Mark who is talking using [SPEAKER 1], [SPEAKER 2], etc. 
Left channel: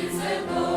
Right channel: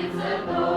[SPEAKER 1] invincible.